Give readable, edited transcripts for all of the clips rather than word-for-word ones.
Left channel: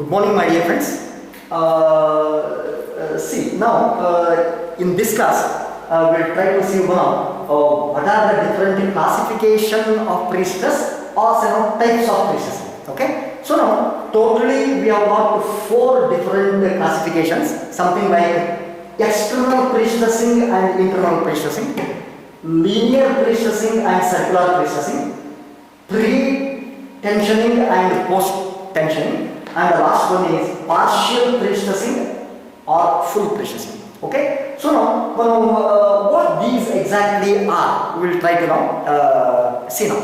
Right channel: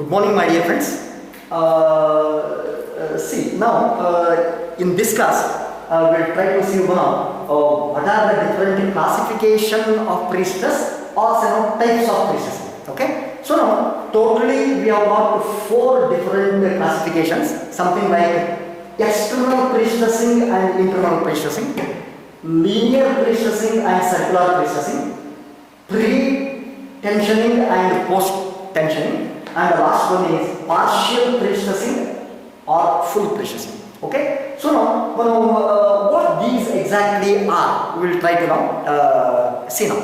Good morning, my dear friends. See, now in this class, we'll try to see what are the different classification of pre-stress or types of pre-stressing. Okay, so now totally we have got 4 different classifications, something like external pre-stressing and internal pre-stressing, linear pre-stressing and circular pre-stressing, pre-tensioning and post-tensioning, and the last one is partial pre-stressing or full pre-stressing. Okay, so now what these exactly are, we will try to now see now.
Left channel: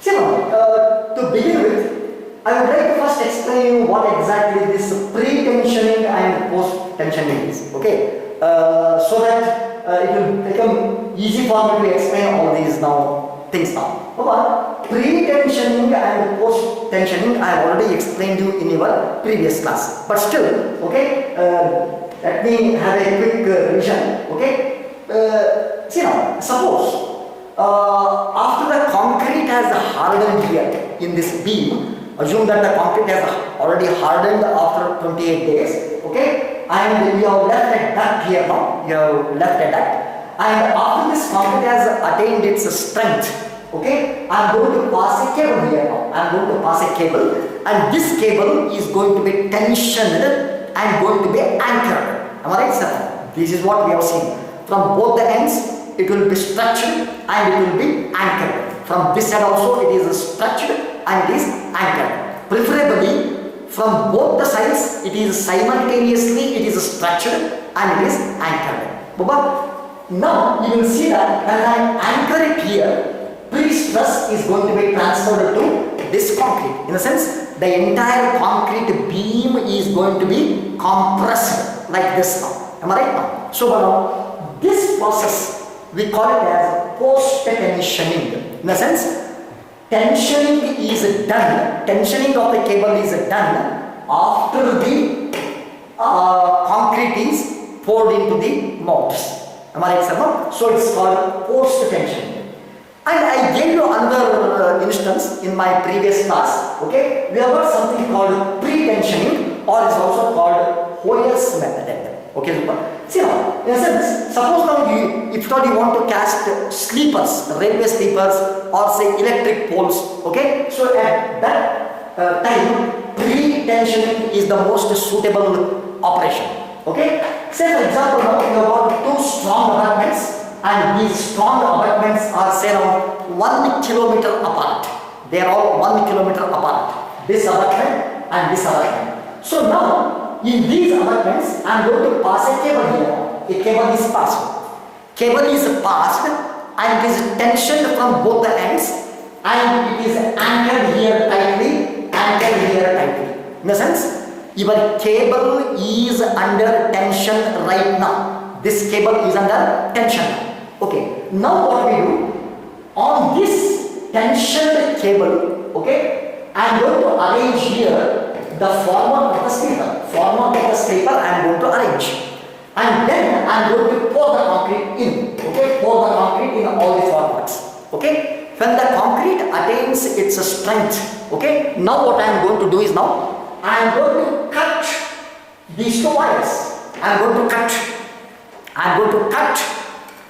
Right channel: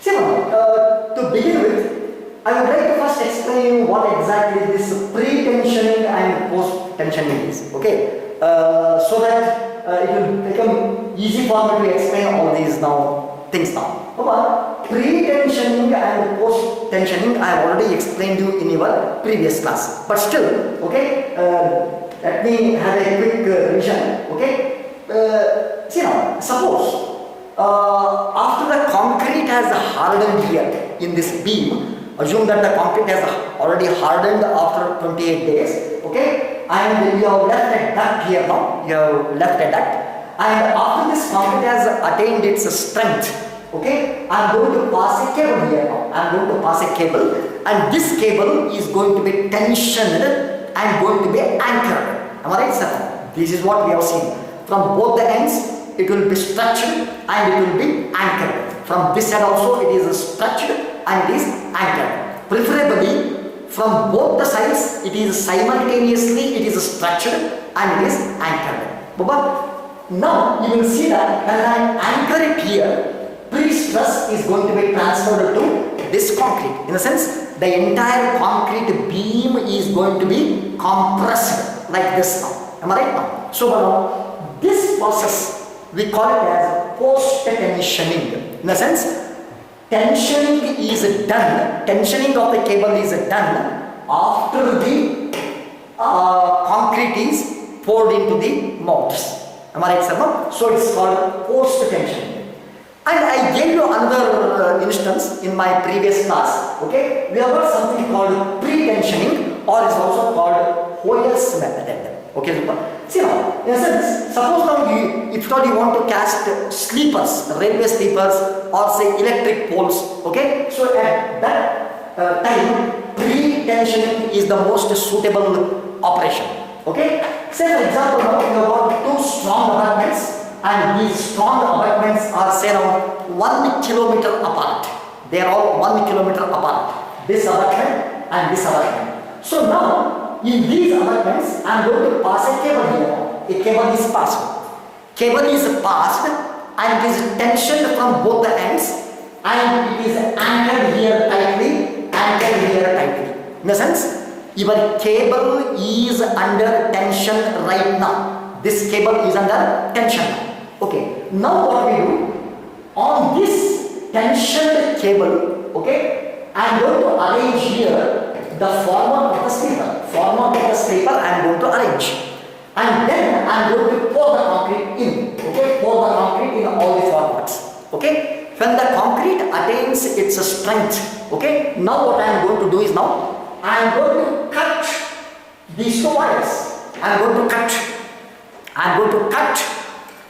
See now, to begin with, I would like to first explain what exactly this pre-tensioning and post-tensioning is. Okay, so that it will become easy for me to explain all these things now. Pre-tensioning and post-tensioning I have already explained you in your previous class, but still, okay, let me have a quick revision. Okay, see now, suppose after the concrete has hardened here in this beam, assume that the concrete has already hardened after 28 days, okay, and you have left a duct here now, you have left a duct, and after this concrete has attained its strength, okay, I am going to pass a cable here now. I am going to pass a cable, and this cable is going to be tensioned and going to be anchored. Am I right, sir? This is what we have seen. From both the ends, it will be stretched and it will be anchored. From this side also, it is stretched and it is anchored. Preferably, from both the sides, it is simultaneously, it is stretched and it is anchored. But now you will see that when I anchor it here, pre-stress is going to be transferred to this concrete. In a sense, the entire concrete beam is going to be compressed like this now. Am I right now? So now, this process, we call it as post-tensioning. In a sense, tensioning is done, tensioning of the cable is done after the concrete is poured into the molds. Am I right, sir? No? So it's called post-tensioning. And I gave you another instance in my previous class. Okay, we have got something called pre-tensioning, or is also called Hoyer's method. Okay, super. See now, in a sense, suppose now if you want to cast sleepers, railway sleepers, or say electric poles. Okay, so at that time, pre-tensioning is the most suitable operation. Okay, say for example, now you have got 2 strong abutments. And these strong abutments are say around 1 kilometer apart. They are all 1 kilometer apart. This abutment and this abutment. So now, in these abutments, I am going to pass a cable here. A cable is passed. Cable is passed and it is tensioned from both the ends, and it is anchored here tightly, anchored here tightly. In a sense, your cable is under tension right now. This cable is under tension now. Okay, now what we do, on this tensioned cable, okay, I am going to arrange here the former of the sleeper. Former of the sleeper I am going to arrange. And then I am going to pour the concrete in. Okay, pour the concrete in all the formats. Okay, when the concrete attains its strength, okay, now what I am going to do is now, I am going to cut these 2 wires. I am going to cut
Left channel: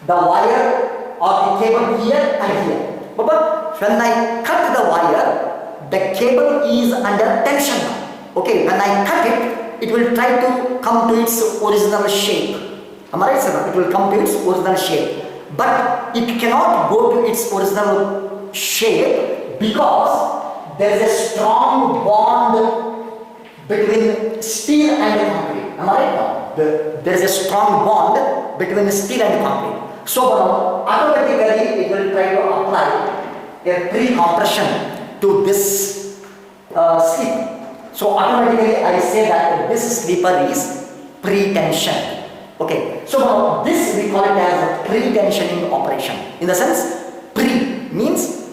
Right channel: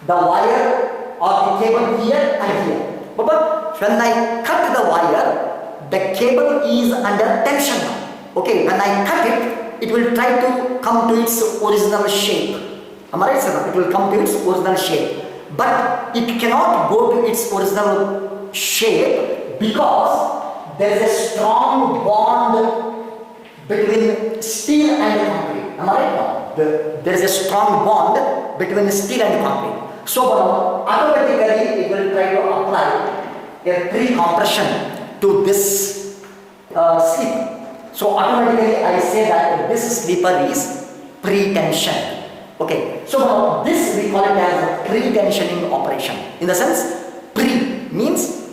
the wire or the cable here and here. But when I cut the wire, the cable is under tension now. Okay, when I cut it, it will try to come to its original shape. Am I right, sir? It will come to its original shape. But it cannot go to its original shape because there is a strong bond between steel and concrete. Am I right now? There is a strong bond between steel and concrete. So automatically it will try to apply a pre-compression to this sleeper. So automatically I say that this sleeper is pre-tension. Okay. So now this we call it as a pre-tensioning operation. In the sense, pre means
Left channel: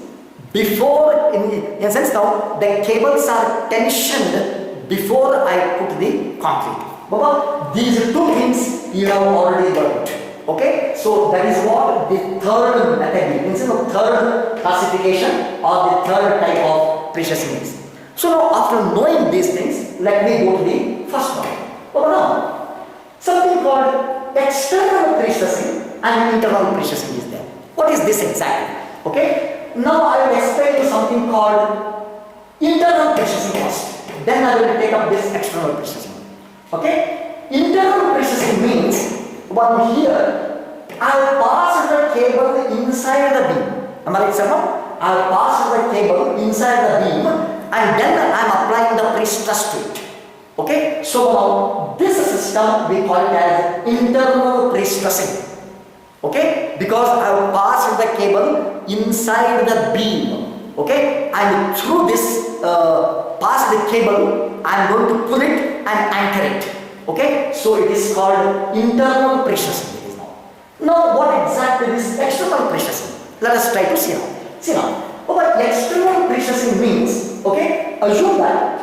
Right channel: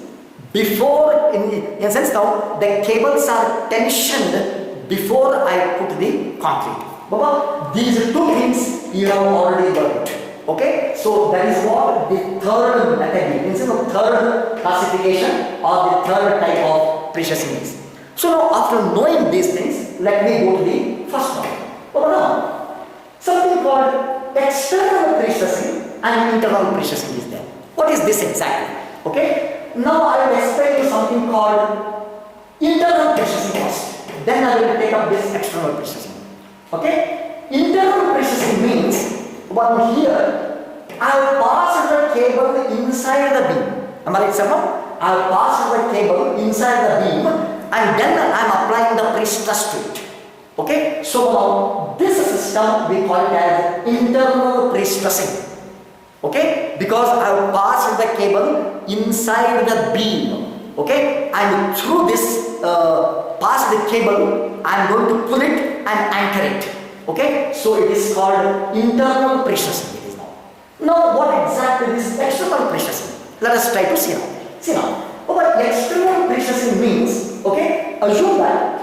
before. In a sense now the cables are tensioned before I put the concrete. But these 2 things you have already learned. Okay, so that is what the third method is, the third classification or the third type of pre-stressing is. So now after knowing these things, let me go to external processing and internal processing is there. What is this exactly? Okay. Now I will explain you something called internal processing first. Then I will take up this external processing. Okay. Internal processing means one here I will pass the cable inside the beam. Am I right, sir? I will pass the cable inside the beam and then I am applying the pre-stress to it. Okay, so now this system we call it as internal pre-stressing. Okay, because I will pass the cable inside the beam. Okay, and through this pass the cable, I am going to pull it and anchor it. Okay, so it is called internal pre-stressing. It is now. Now, what exactly is external pre-stressing? Let us try to see now. See now, what external pre-stressing means. Okay, assume that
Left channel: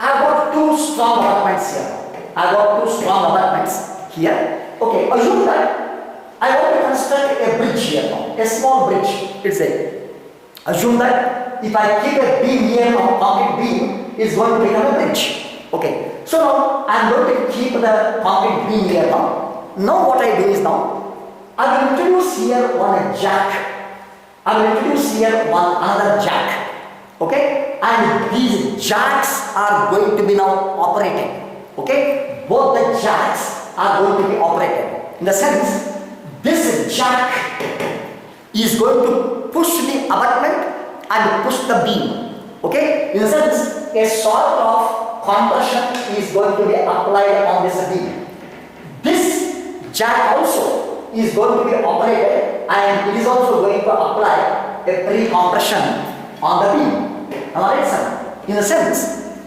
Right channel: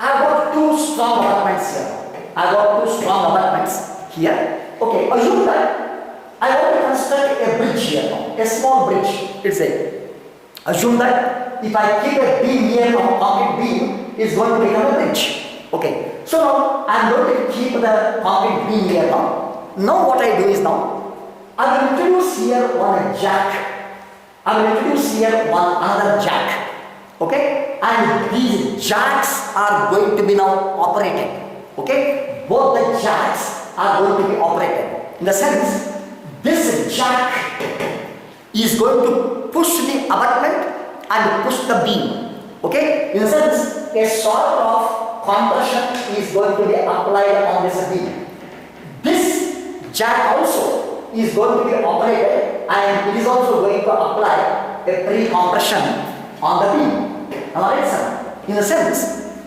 I got two strong abutments here. I got two strong abutments here. Okay, assume that I want to construct a bridge here now, a small bridge. It's a. Assume that if I keep a beam here, a concrete beam is going to become a bridge. Okay, so now I am going to keep the concrete beam here now. Now what I do is now I will introduce here one jack. I will introduce here one another jack. Okay, and these jacks are going to be now operated. Okay, both the jacks are going to be operated. In the sense, this jack is going to push the abutment and push the beam. Okay, in the sense, a sort of compression is going to be applied on this beam. This jack also is going to be operated and it is also going to apply a pre-compression on the beam. Am I right, sir? In a sense,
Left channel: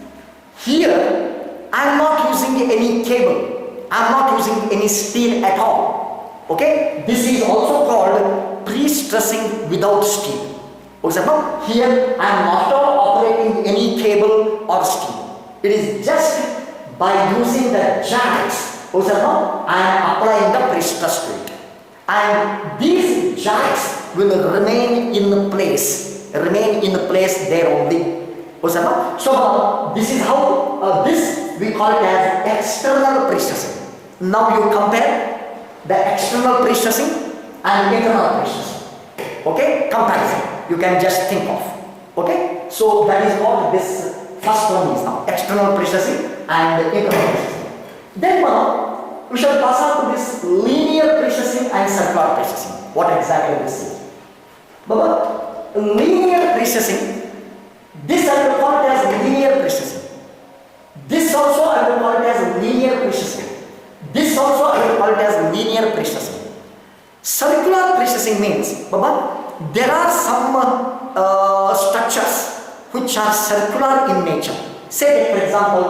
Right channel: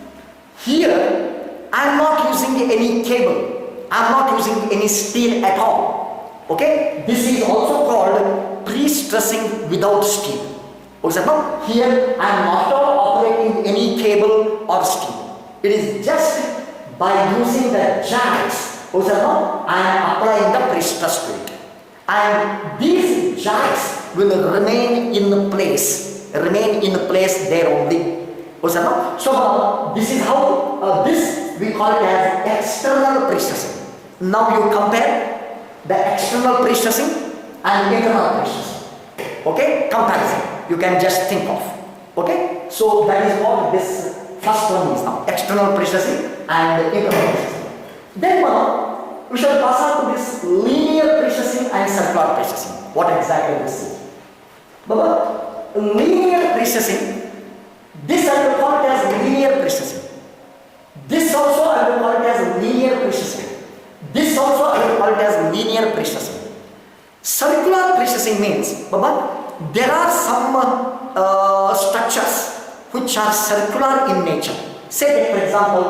here I am not using any cable. I am not using any steel at all. Okay? This is also called pre-stressing without steel. For example, here I am not operating any cable or steel. It is just by using the jacks. For example, I am applying the pre-stress to it. And these jacks will remain in place. Remain in place there only. So this is how this we call it as external pre-stressing. Now you compare the external pre-stressing and internal pre-stressing. Okay, comparison you can just think of. Okay, so that is what this first one is now, external pre-stressing and internal pre-stressing. Then we shall pass on to this linear pre-stressing and circular pre-stressing. What exactly this is? Baba, linear pre-stressing, this I will call it as linear pre-stressing. This also I will call it as linear pre-stressing. This also I will call it as linear pre-stressing. Circular pre-stressing means, Baba, there are some structures which are circular in nature. Say that, for example,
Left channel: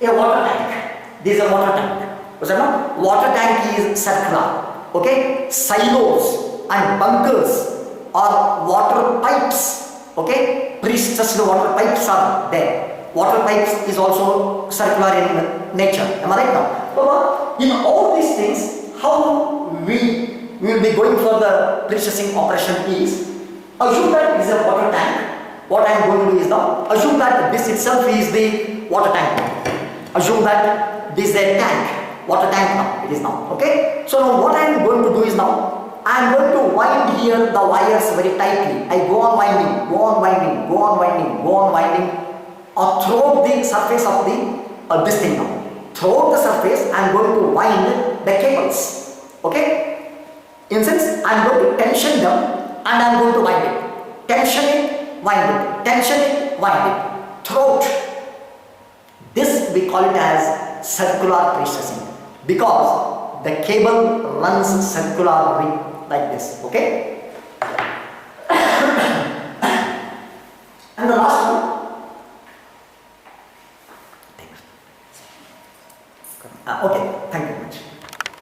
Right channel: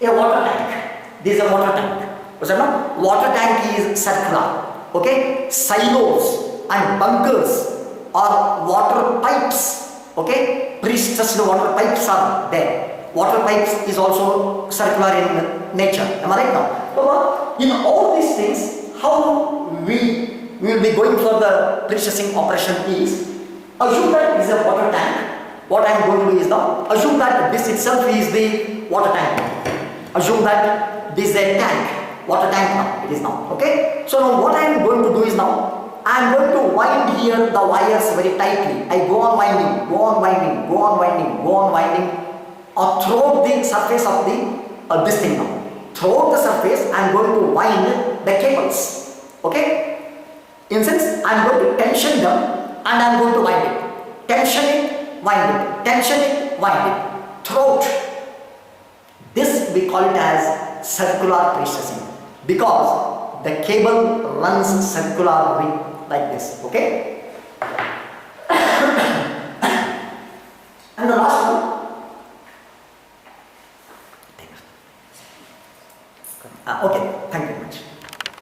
a water tank. This is a water tank. Water tank is circular. Okay, silos and bunkers or water pipes. Okay, pre-stressed water pipes are there. Water pipes is also circular in nature. Am I right now? So, in all these things, how we will be going for the pre-stressing operation is, assume that this is a water tank. What I am going to do is now, assume that this itself is the water tank. Assume that this is a tank, water tank now, it is now. Okay, so now what I am going to do is now, I am going to wind here the wires very tightly. I go on winding, go on winding, go on winding, go on winding throughout the surface of the this thing now. Throughout the surface, I am going to wind the cables. Okay? In sense, I am going to tension them and I am going to wind it. Tension it, wind it. Tension it, wind it. Throughout. This we call it as circular pre-stressing because the cable runs circularly like this. Okay? And the last one. Okay.